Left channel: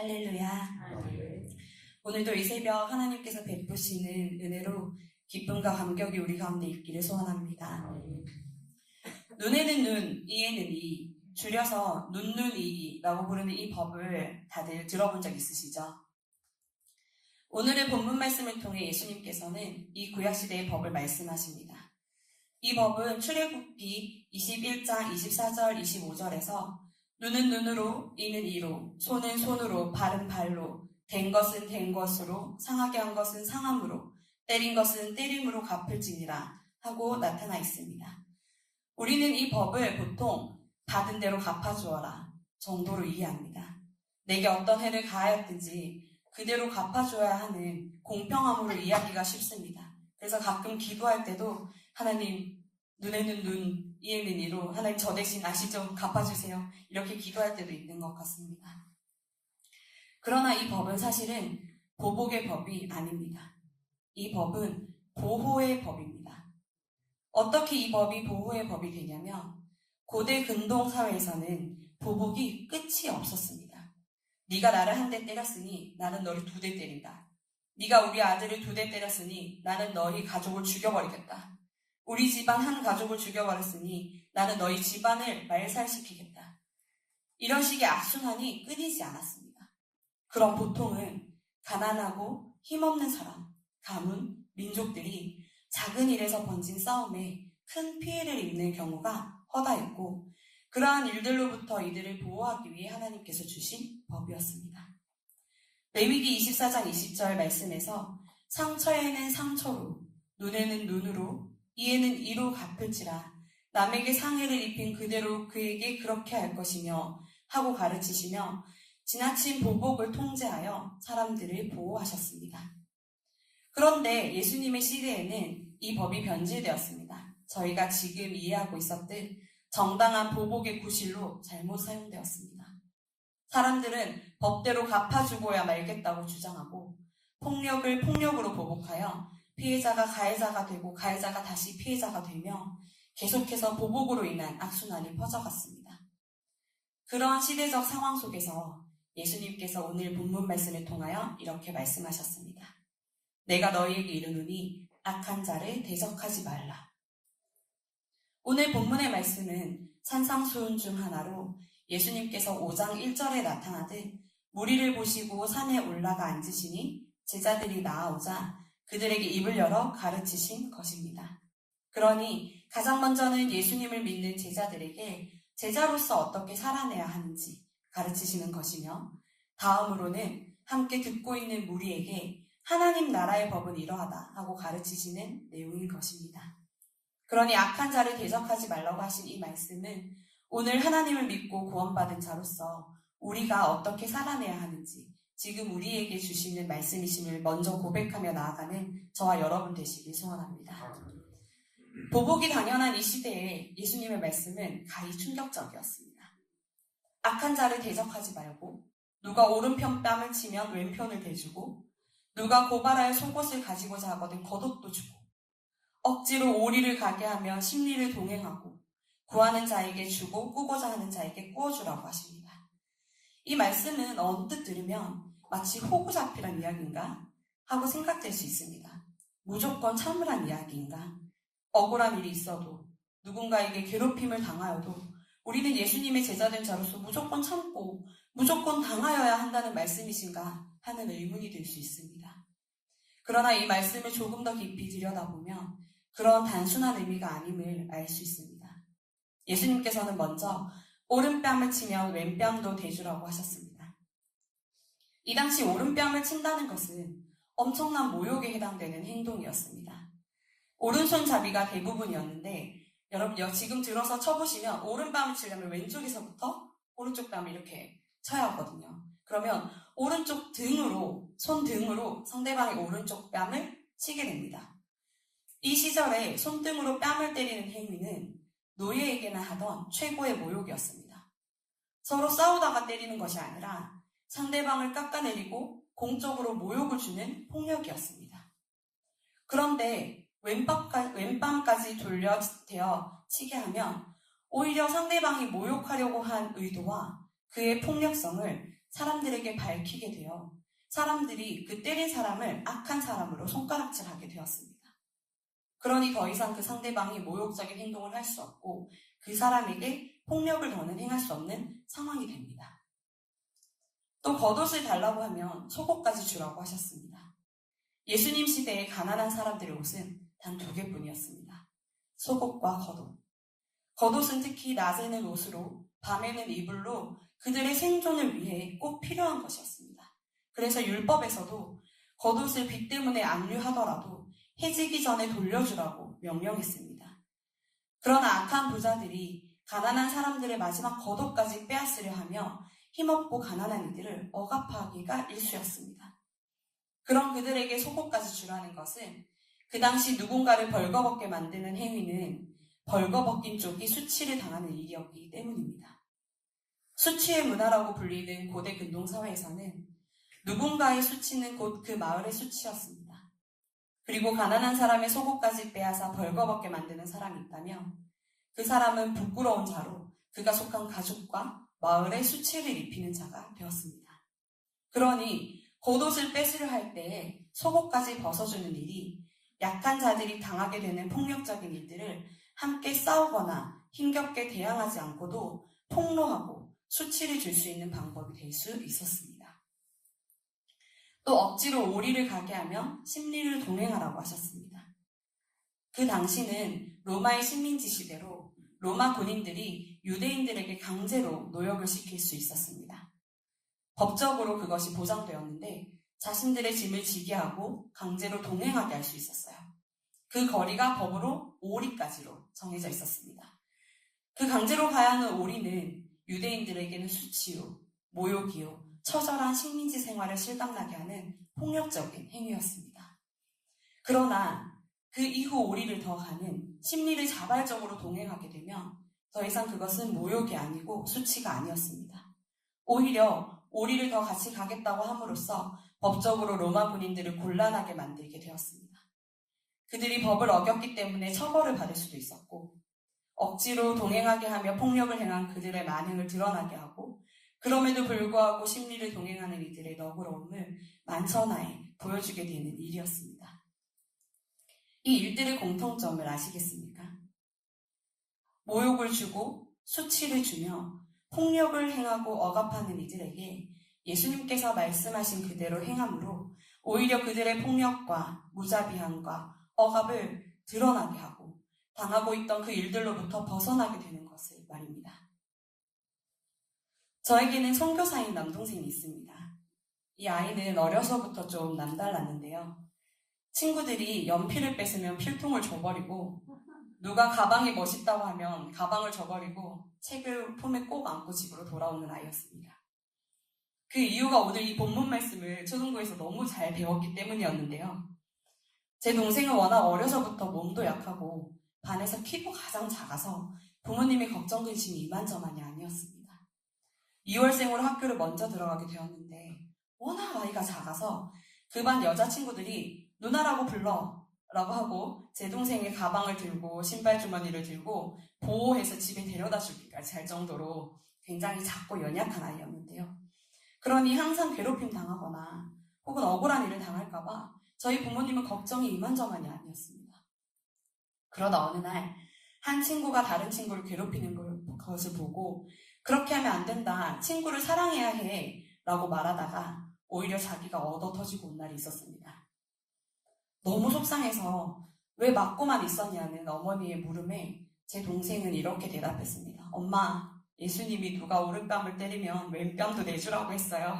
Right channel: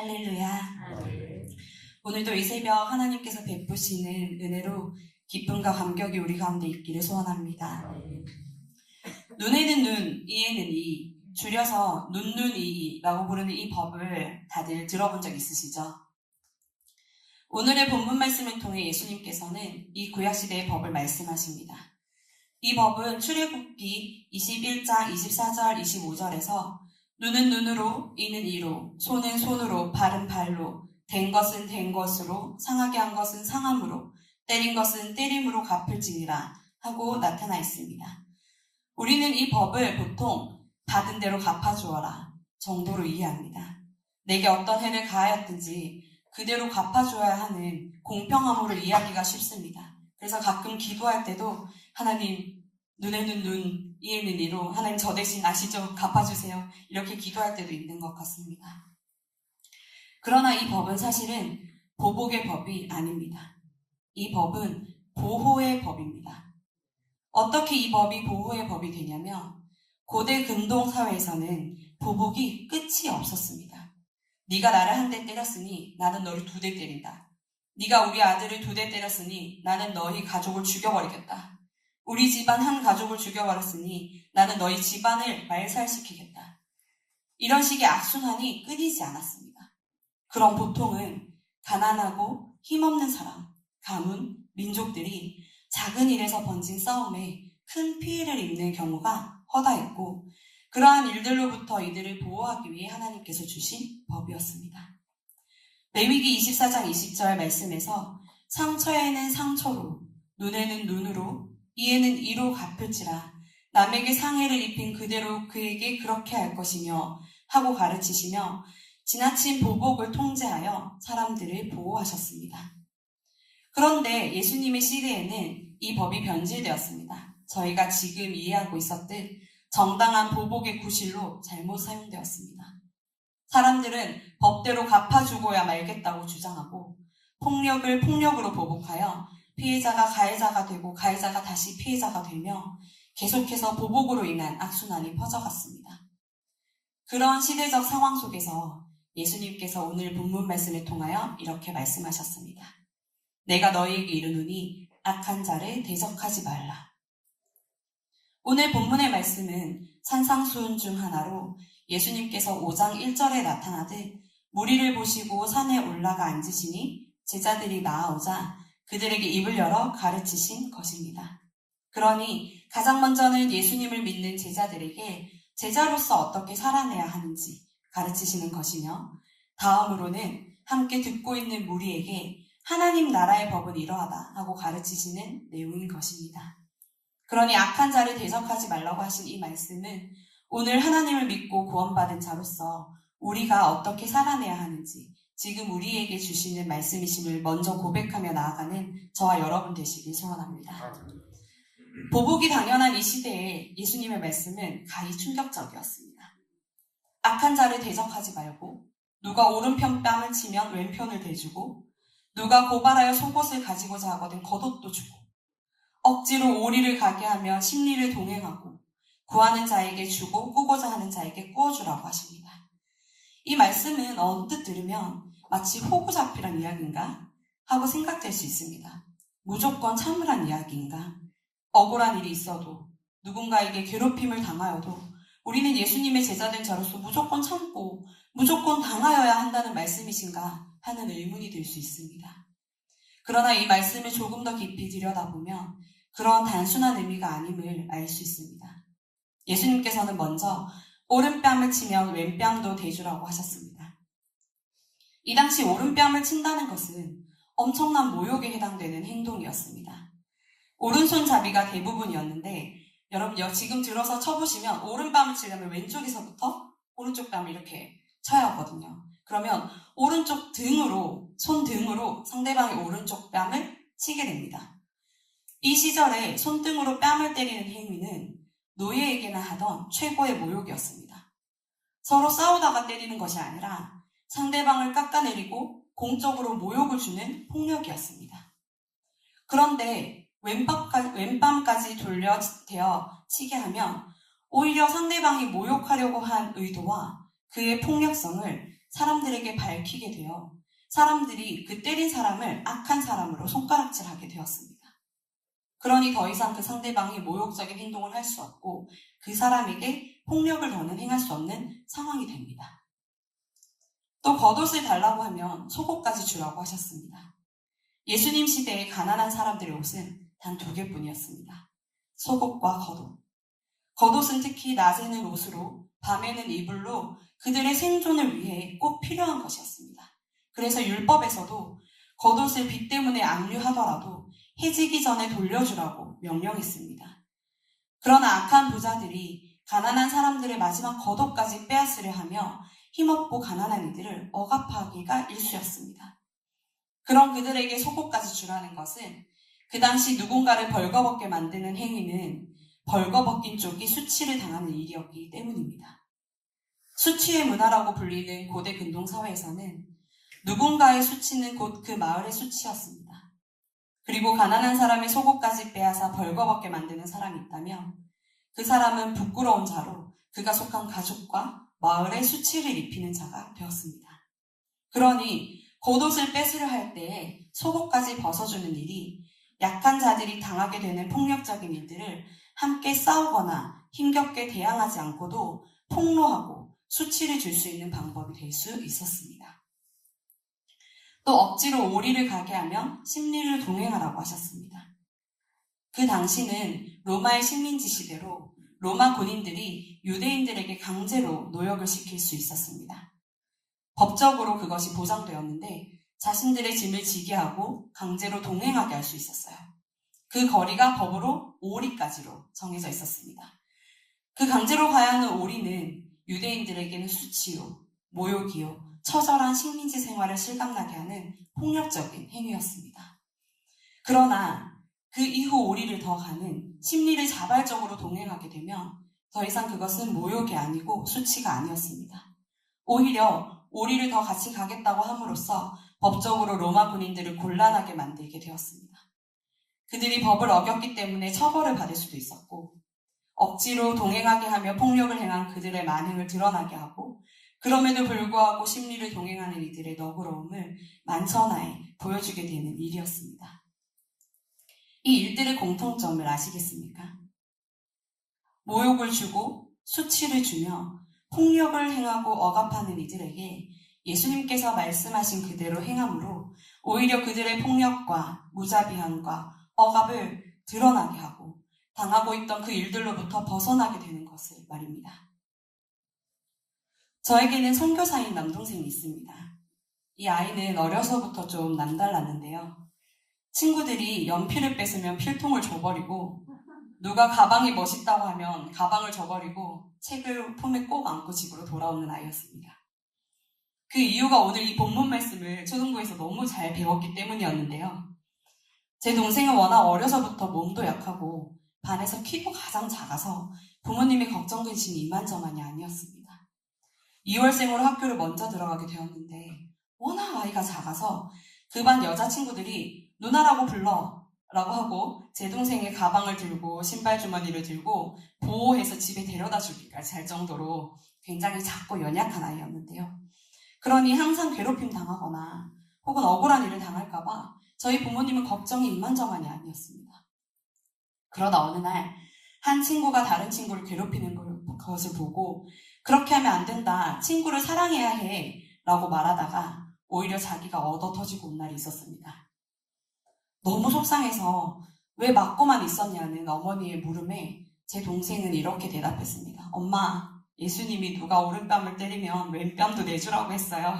할렐루야. 아멘. 오늘도 이 새벽 하나님께서 베푸시는 은혜로 기쁨과 감격이 우리 가운데 있기를 소원합니다. 눈에는 눈, 이에는 이, 줄여서 눈이라고 부르는 이 법을 다들 들어본 적 있으시죠? 오늘의 본문 말씀을 통해 예수님께서는 이 구약시대의 법을 말씀하십니다. 이 법은 출애굽기 21장 24절 25절에서 눈은 눈으로, 이는 이로, 손은 손으로, 발은 발로, 된 것은 된 것으로, 상하게 한 것은 상함으로, 때린 것은 때림으로 갚을지니라 하고 나타나 있습니다. 우리는 이 법을 보통 받은 대로 갚아주어라 정도로 이해합니다. 내게 어떤 해를 가하였든지 그대로 갚아줘야 하는 공평함으로 이해하기가 쉽습니다. 그래서 가끔 기도할 때도 하나님 눈에는 눈, 이에는 이로 하나님 저 대신 아시죠? 갚아주세요. 이렇게 기도할 때도 있는 것 같습니다. 그러나 이 법은 사실은 보복의 법이 아닙니다. 이 법은 보호의 법입니다. 어떻게 이 법이 보호의 법이 되냐면 고대 근동 사회에서는 보복이 끝이 없었습니다. 네가 나를 한 대 때렸으니 나는 너를 2대 때린다. 네가 우리 아들을 2대 때렸으니 나는 너희 가족을 죽여버리겠다. 우리 집안 한 가족을 죽여버렸으니 나는 너희 집안을 말살시키겠다. 이런 식의 악순환이 끊이지 않았습니다. 그럼 보통은 가난하고 힘없는 사람, 가문, 민족들이 작은 일에서 번진 싸움에 큰 피해를 입는 경우가 허다했고 그러한 일들로부터 이들을 보호하기 위해 하나님께서 주신 법이었습니다. 레위기 24장 20절 말씀에서 상처에는 상처로, 눈에는 눈으로, 이에는 이로 갚을지라 남에게 상해를 입힌 그대로 그에게 그렇게 할 것이며 하고 가르치시며 지나친 보복을 통제하여 사람들을 보호하셨습니다. 그런데 예수님의 시대에는 이 법이 변질되었습니다. 저희가 지금 이해하고 있었듯 정당한 보복의 구실로 잘못 사용되었습니다. 사람들은 법대로 갚아주고야 말겠다고 주장하고 폭력을 폭력으로 보복하여 피해자가 가해자가 되고 가해자가 다시 피해자가 되며 계속해서 보복으로 인한 악순환이 퍼져갔습니다. 그런 시대적 상황 속에서 예수님께서 오늘 본문 말씀을 통하여 이렇게 말씀하셨습니다. 내가 너희에게 이르노니 악한 자를 대적하지 말라. 오늘 본문의 말씀은 산상수훈 중 하나로 예수님께서 5장 1절에 나타나듯 무리를 보시고 산에 올라가 앉으시니 제자들이 나아오자 그들에게 입을 열어 가르치신 것입니다. 그러니 가장 먼저는 예수님을 믿는 제자들에게 제자로서 어떻게 살아내야 하는지 가르치시는 것이며 다음으로는 함께 듣고 있는 무리에게 하나님 나라의 법은 이러하다 하고 가르치시는 내용인 것입니다. 그러니 악한 자를 대적하지 말라고 하신 이 말씀은 오늘 하나님을 믿고 구원받은 자로서 우리가 어떻게 살아내야 하는지 지금 우리에게 주시는 말씀이심을 먼저 고백하며 나아가는 저와 여러분 되시길 소원합니다. 보복이 당연한 이 시대에 예수님의 말씀은 가히 충격적이었습니다. 악한 자를 대적하지 말고 누가 오른편 뺨을 치면 왼편을 대주고 누가 고발하여 속옷을 가지고자 하거든 겉옷도 주고 억지로 오리를 가게 하면 심리를 동행하고 구하는 자에게 주고 꾸고자 하는 자에게 꾸어주라고 하십니다. 이 말씀은 언뜻 들으면 마치 호구잡히란 이야기인가 하고 생각될 수 있습니다. 무조건 참으란 이야기인가? 억울한 일이 있어도 누군가에게 괴롭힘을 당하여도 우리는 예수님의 제자된 자로서 무조건 참고 무조건 당하여야 한다는 말씀이신가 하는 의문이 들 수 있습니다. 그러나 이 말씀을 조금 더 깊이 들여다보면 그런 단순한 의미가 아님을 알 수 있습니다. 예수님께서는 먼저 오른뺨을 치면 왼뺨도 대주라고 하셨습니다. 이 당시 오른뺨을 친다는 것은 엄청난 모욕에 해당되는 행동이었습니다. 오른손잡이가 대부분이었는데 여러분 지금 들어서 쳐보시면 오른뺨을 치려면 왼쪽에서부터 오른쪽 뺨을 이렇게 쳐야 하거든요. 그러면 오른쪽 등으로 손등으로 상대방의 오른쪽 뺨을 치게 됩니다. 이 시절에 손등으로 뺨을 때리는 행위는 노예에게나 하던 최고의 모욕이었습니다. 서로 싸우다가 때리는 것이 아니라 상대방을 깎아내리고 공적으로 모욕을 주는 폭력이었습니다. 그런데 왼밤까지 돌려대어 치게 하면 오히려 상대방이 모욕하려고 한 의도와 그의 폭력성을 사람들에게 밝히게 되어 사람들이 그 때린 사람을 악한 사람으로 손가락질하게 되었습니다. 그러니 더 이상 그 상대방이 모욕적인 행동을 할 수 없고 그 사람에게 폭력을 더는 행할 수 없는 상황이 됩니다. 또 겉옷을 달라고 하면 속옷까지 주라고 하셨습니다. 예수님 시대에 가난한 사람들의 옷은 단 2개뿐이었습니다. 속옷과 겉옷. 겉옷은 특히 낮에는 옷으로 밤에는 이불로 그들의 생존을 위해 꼭 필요한 것이었습니다. 그래서 율법에서도 겉옷을 비 때문에 압류하더라도 해지기 전에 돌려주라고 명령했습니다. 그러나 악한 부자들이 가난한 사람들의 마지막 겉옷까지 빼앗으려 하며 힘없고 가난한 이들을 억압하기가 일쑤였습니다. 그런 그들에게 속옷까지 주라는 것은 그 당시 누군가를 벌거벗게 만드는 행위는 벌거벗긴 쪽이 수치를 당하는 일이었기 때문입니다. 수치의 문화라고 불리는 고대 근동사회에서는 누군가의 수치는 곧 그 마을의 수치였습니다. 그리고 가난한 사람의 속옷까지 빼앗아 벌거벗게 만드는 사람이 있다면 그 사람은 부끄러운 자로 그가 속한 가족과 마을의 수치를 입히는 자가 되었습니다. 그러니 겉옷을 뺏으려 할 때에 속옷까지 벗어주는 일이 약한 자들이 당하게 되는 폭력적인 일들을 함께 싸우거나 힘겹게 대항하지 않고도 폭로하고 수치를 줄 수 있는 방법이 될 수 있었습니다. 또 억지로 오리를 가게 하면 심리를 동행하라고 하셨습니다. 그 당시는 로마의 식민지 시대로 로마 군인들이 유대인들에게 강제로 노역을 시킬 수 있었습니다. 법적으로 그것이 보장되었는데 자신들의 짐을 지게 하고 강제로 동행하게 할 수 있었어요. 그 거리가 법으로 오리까지로 정해져 있었습니다. 그 강제로 가야 하는 오리는 유대인들에게는 수치요, 모욕이요, 처절한 식민지 생활을 실감나게 하는 폭력적인 행위였습니다. 그러나 그 이후 오리를 더 가는 심리를 자발적으로 동행하게 되면 더 이상 그것은 모욕이 아니고 수치가 아니었습니다. 오히려 오리를 더 같이 가겠다고 함으로써 법적으로 로마 군인들을 곤란하게 만들게 되었습니다. 그들이 법을 어겼기 때문에 처벌을 받을 수도 있었고 억지로 동행하게 하며 폭력을 행한 그들의 만행을 드러나게 하고 그럼에도 불구하고 심리를 동행하는 이들의 너그러움을 만천하에 보여주게 되는 일이었습니다. 이 일들의 공통점을 아시겠습니까? 모욕을 주고 수치를 주며 폭력을 행하고 억압하는 이들에게 예수님께서 말씀하신 그대로 행함으로 오히려 그들의 폭력과 무자비함과 억압을 드러나게 하고 당하고 있던 그 일들로부터 벗어나게 되는 것을 말입니다. 저에게는 선교사인 남동생이 있습니다. 이 아이는 어려서부터 좀 남달랐는데요. 친구들이 연필을 뺏으면 필통을 줘버리고 누가 가방이 멋있다고 하면 가방을 줘버리고 책을 품에 꼭 안고 집으로 돌아오는 아이였습니다. 그 이유가 오늘 이 본문 말씀을 초등부에서 너무 잘 배웠기 때문이었는데요. 제 동생은 워낙 어려서부터 몸도 약하고 반에서 키도 가장 작아서 부모님의 걱정 근심이 이만저만이 아니었습니다. 2월생으로 학교를 먼저 들어가게 되었는데 워낙 아이가 작아서 그 반 여자친구들이 누나라고 불러 라고 하고 제 동생의 가방을 들고 신발 주머니를 들고 보호해서 집에 데려다 주기까지 할 정도로 굉장히 작고 연약한 아이였는데요. 그러니 항상 괴롭힘 당하거나 혹은 억울한 일을 당할까봐 저희 부모님은 걱정이 이만저만이 아니었습니다. 그러다 어느 날 한 친구가 다른 친구를 괴롭히는 것을 보고 그렇게 하면 안 된다, 친구를 사랑해야 해 라고 말하다가 오히려 자기가 얻어 터지고 온 날이 있었습니다. 너무 속상해서 왜 맞고만 있었냐는 어머니의 물음에 제 동생은 이렇게 대답했습니다. 엄마, 예수님이 누가 오른뺨을 때리면 왼뺨도 내주라고 했어요.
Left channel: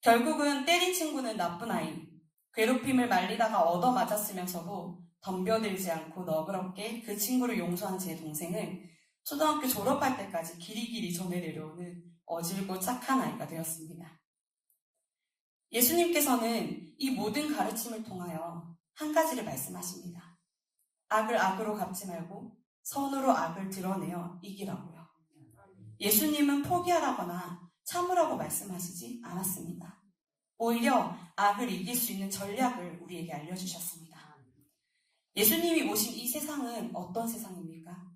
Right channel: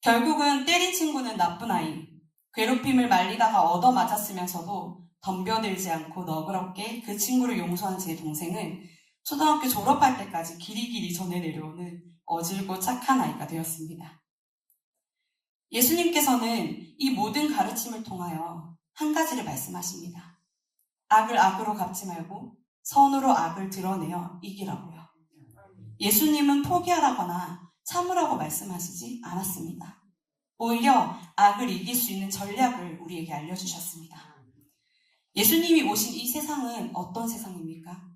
결국은 때린 친구는 나쁜 아이, 괴롭힘을 말리다가 얻어맞았으면서도 덤벼들지 않고 너그럽게 그 친구를 용서한 제 동생은 초등학교 졸업할 때까지 길이길이 전해 내려오는 어질고 착한 아이가 되었습니다. 예수님께서는 이 모든 가르침을 통하여 한 가지를 말씀하십니다. 악을 악으로 갚지 말고 선으로 악을 드러내어 이기라고요. 예수님은 포기하라거나 참으라고 말씀하시지 않았습니다. 오히려 악을 이길 수 있는 전략을 우리에게 알려주셨습니다. 예수님이 오신 이 세상은 어떤 세상입니까?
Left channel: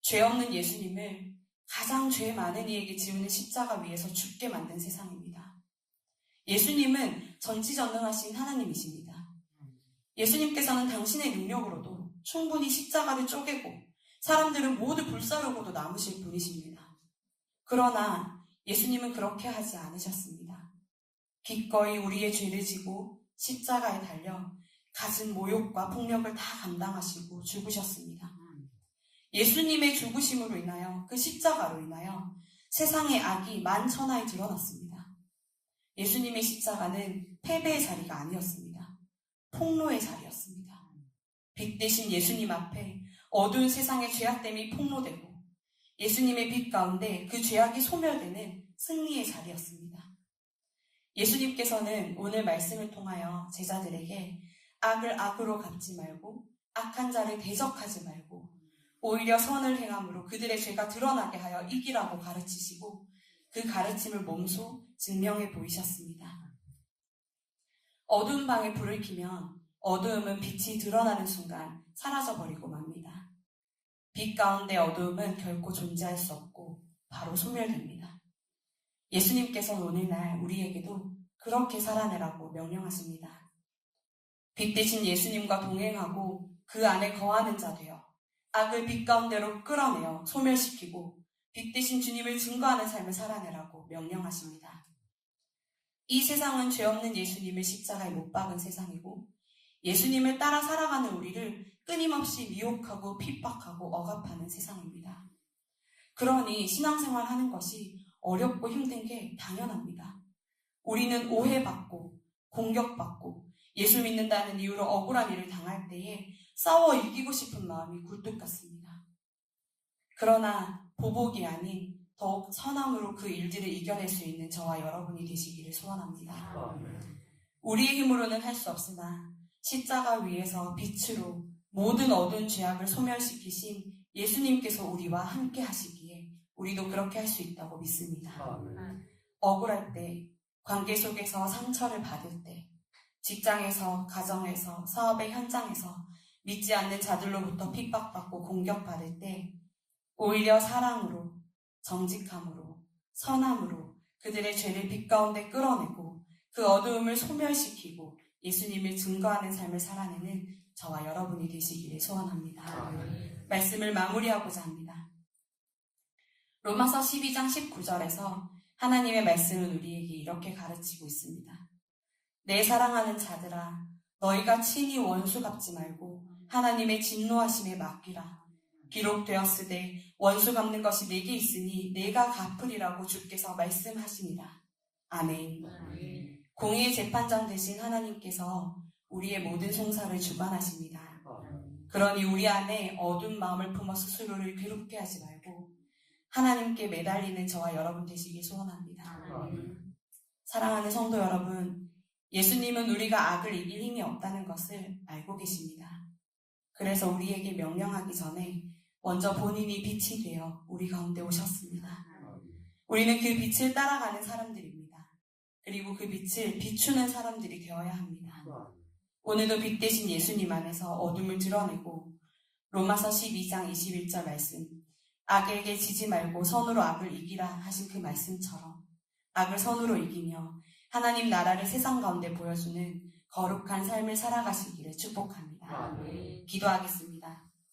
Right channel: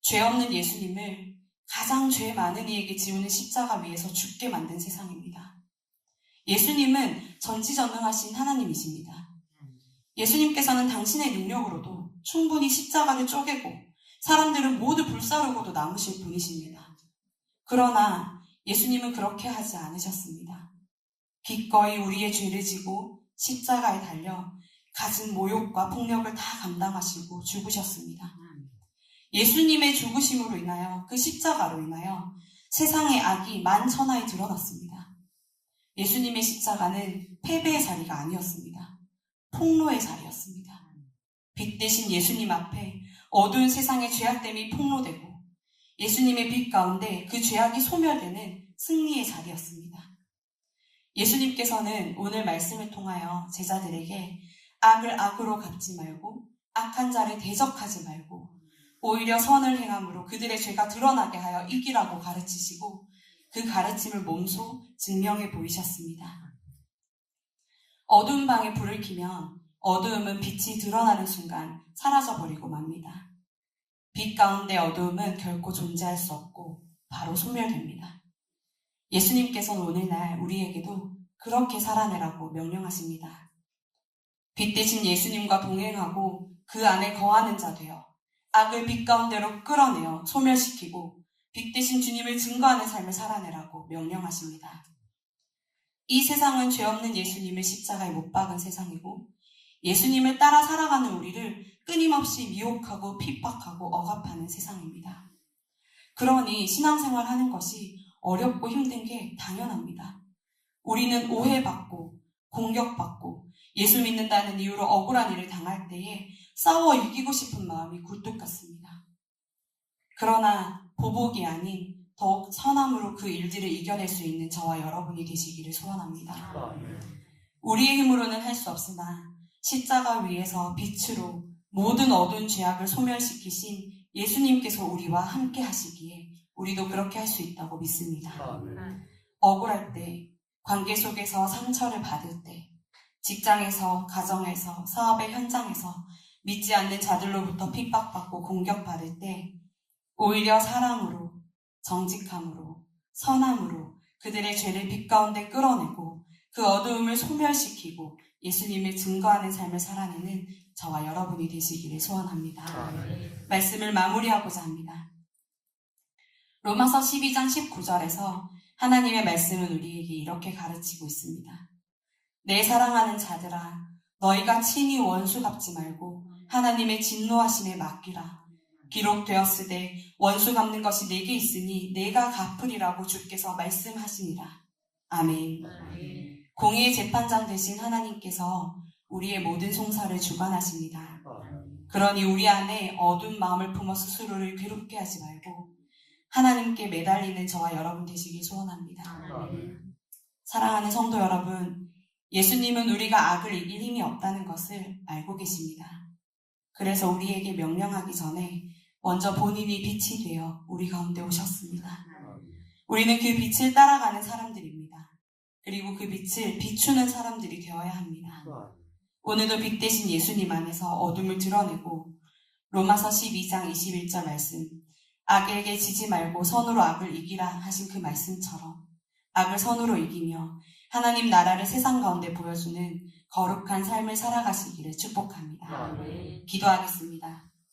죄 없는 예수님을 가장 죄 많은 이에게 지우는 십자가 위에서 죽게 만든 세상입니다. 예수님은 전지전능하신 하나님이십니다. 예수님께서는 당신의 능력으로도 충분히 십자가를 쪼개고 사람들은 모두 불사르고도 남으실 분이십니다. 그러나 예수님은 그렇게 하지 않으셨습니다. 기꺼이 우리의 죄를 지고 십자가에 달려 갖은 모욕과 폭력을 다 감당하시고 죽으셨습니다. 예수님의 죽으심으로 인하여, 그 십자가로 인하여 세상의 악이 만천하에 드러났습니다. 예수님의 십자가는 패배의 자리가 아니었습니다. 폭로의 자리였습니다. 빛 대신 예수님 앞에 어두운 세상의 죄악됨이 폭로되고 예수님의 빛 가운데 그 죄악이 소멸되는 승리의 자리였습니다. 예수님께서는 오늘 말씀을 통하여 제자들에게 악을 악으로 갚지 말고 악한 자를 대적하지 말고 오히려 선을 행함으로 그들의 죄가 드러나게 하여 이기라고 가르치시고 그 가르침을 몸소 증명해 보이셨습니다. 어두운 방에 불을 켜면 어두움은 빛이 드러나는 순간 사라져버리고 맙니다. 빛 가운데 어두움은 결코 존재할 수 없고 바로 소멸됩니다. 예수님께서는 오늘날 우리에게도 그렇게 살아내라고 명령하십니다. 빛 대신 예수님과 동행하고 그 안에 거하는 자 되어 악을 빛 가운데로 끌어내어 소멸시키고 빛 대신 주님을 증거하는 삶을 살아내라고 명령하십니다. 이 세상은 죄 없는 예수님을 십자가에 못 박은 세상이고 예수님을 따라 살아가는 우리를 끊임없이 미혹하고 핍박하고 억압하는 세상입니다. 그러니 신앙생활 하는 것이 어렵고 힘든 게 당연합니다. 우리는 오해받고 공격받고 예수 믿는다는 이유로 억울한 일을 당할 때에 싸워 이기고 싶은 마음이 굴뚝 같습니다. 그러나 보복이 아닌 더욱 선함으로 그 일들을 이겨낼 수 있는 저와 여러분이 되시기를 소원합니다. 우리의 힘으로는 할 수 없으나 십자가 위에서 빛으로 모든 어두운 죄악을 소멸시키신 예수님께서 우리와 함께 하시기에 우리도 그렇게 할 수 있다고 믿습니다. 억울할 때, 관계 속에서 상처를 받을 때, 직장에서, 가정에서, 사업의 현장에서 믿지 않는 자들로부터 핍박받고 공격받을 때 오히려 사랑으로, 정직함으로, 선함으로 그들의 죄를 빛 가운데 끌어내고 그 어두움을 소멸시키고 예수님을 증거하는 삶을 살아내는 저와 여러분이 되시기를 소원합니다. 말씀을 마무리하고자 합니다. 로마서 12장 19절에서 하나님의 말씀은 우리에게 이렇게 가르치고 있습니다. 내 사랑하는 자들아, 너희가 친히 원수 갚지 말고 하나님의 진노하심에 맡기라. 기록되었으되 원수 갚는 것이 내게 있으니 내가 갚으리라고 주께서 말씀하시니라. 아멘. 공의의 재판장 되신 하나님께서 우리의 모든 송사를 주관하십니다. 그러니 우리 안에 어두운 마음을 품어 스스로를 괴롭게 하지 말고 하나님께 매달리는 저와 여러분 되시길 소원합니다. 사랑하는 성도 여러분, 예수님은 우리가 악을 이길 힘이 없다는 것을 알고 계십니다. 그래서 우리에게 명령하기 전에 먼저 본인이 빛이 되어 우리 가운데 오셨습니다. 우리는 그 빛을 따라가는 사람들입니다. 그리고 그 빛을 비추는 사람들이 되어야 합니다. 오늘도 빛 대신 예수님 안에서 어둠을 드러내고 로마서 12장 21절 말씀, 악에게 지지 말고 선으로 악을 이기라 하신 그 말씀처럼 악을 선으로 이기며 하나님 나라를 세상 가운데 보여주는 거룩한 삶을 살아가시기를 축복합니다. 기도하겠습니다.